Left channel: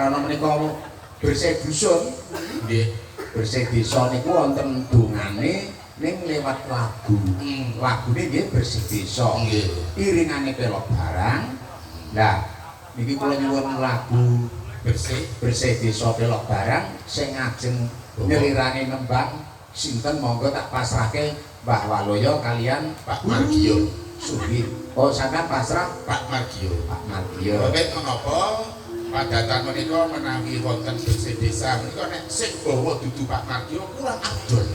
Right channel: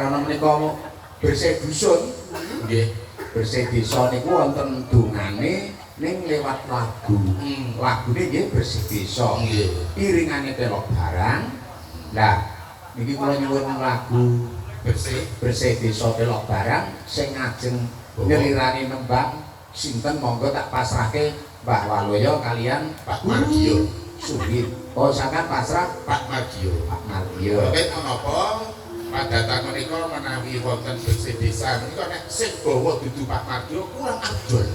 karena menika bersih dusun nggih bersih desa niku wonten dongane ning lewat lagu lagune nggih bersih desa nggih iringane pelok barang lah niki kula nyuwun lagu bersih desa pelok barang sing ngajeng nyerirane nembang sinten monggo tak pasrahke Mbah Waloyo kalian Pak Margio Sugih. Oh sampean pasrah Pak Margio. Pak Margio. Mboten menapa padatan menika menawi wonten bersih desa menika nek sing bawa dudu Pak Margio kurang adol.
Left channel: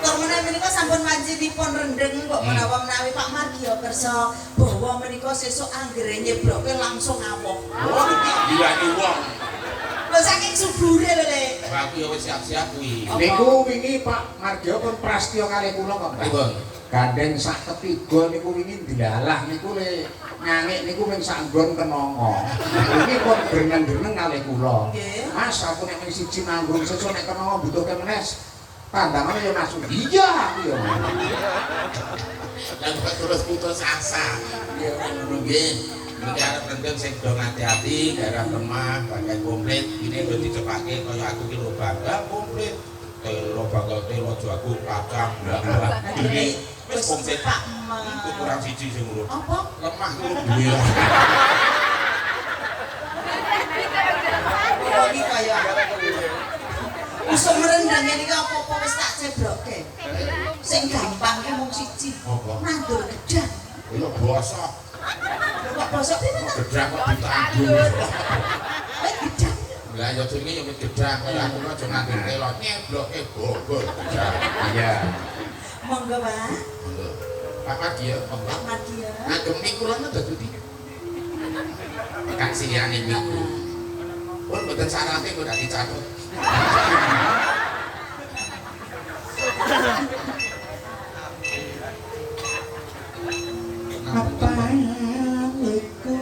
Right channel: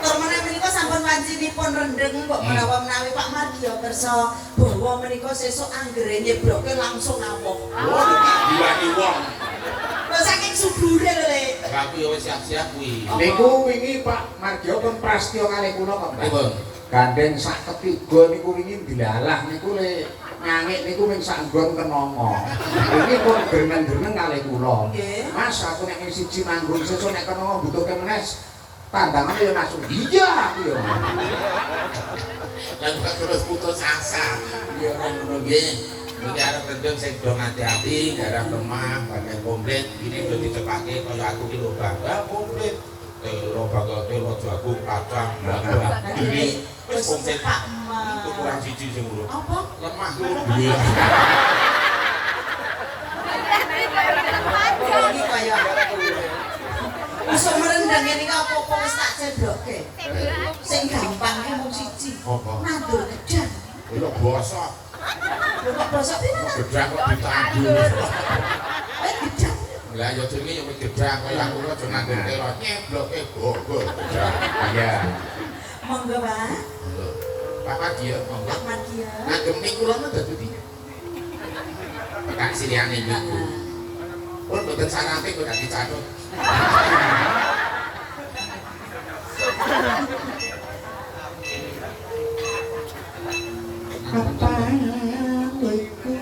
Kok menika sampun wancinipun rendeng kok menawi Pak Margio kersa bawa menika sesuk anggere nyebroke langsung ngamuk. Oh, gilane wong. Lah saking subure lho, Le. Aku ya wis siap-siap kuwi. Niku wingi Pak Margio pun prastya kalih kula kok. Pripun? Gandeng sak ketiga niku wingi dilalah niku le ngangik niku ming sak nggon kenanga. Iki pun greneng-greneng kalih kula. Nggih. Mas aku nek ming siji manggung sesuk nek kenanga butuhke menes. Pandangan ya masuk iya aku ya. Lan kok terus putus asa. Ya kan ngono nggih. Iki arep rendeng sing do ngati-ati, garap lemah, pakai komplit. Ini udah dicepake kaya aku ki lho bangga komplit. Telo bangga telo jagung kacang bangga. Ini wis komplit Pak itu kurang siji sing ngono. Apa? Lemah kuwi duwe. Iki kaya Usuk merendang ini apa-apa wis tak cebroke. Sing gampang ki mung siji. Apa? Nandur gedang. Lho bosok. Lho kok bosok piye? Gedang kok ditanggung. Gedang. Lah ya jenenge ya gedang kaya aku aja nganggo telo nyebloke bogor gedang. Iya. Monggo, Pak. Pak Margio, monggo. Pak Margio. Ngagem niku lho dadi ndi? Kak Siliani niku. Pun mboten sarape kok dak dicatut. Kapaniku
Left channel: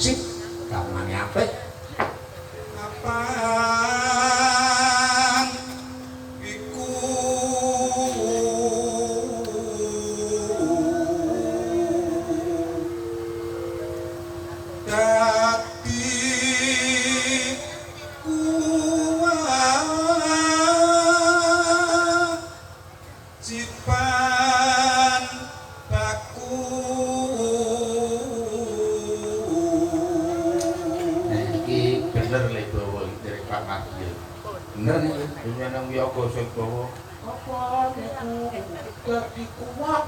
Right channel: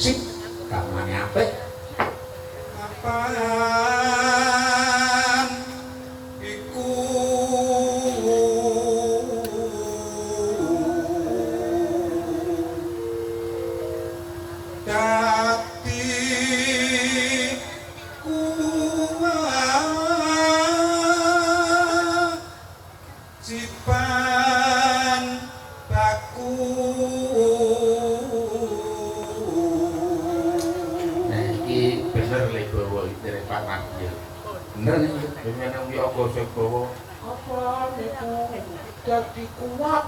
sip kamane apik Kapan iku dadi kewajiban baku. Nah iki bener le bawa dari Pak Margio. bener niku Dene nang yoga sing bawa apa niku dadi kuat.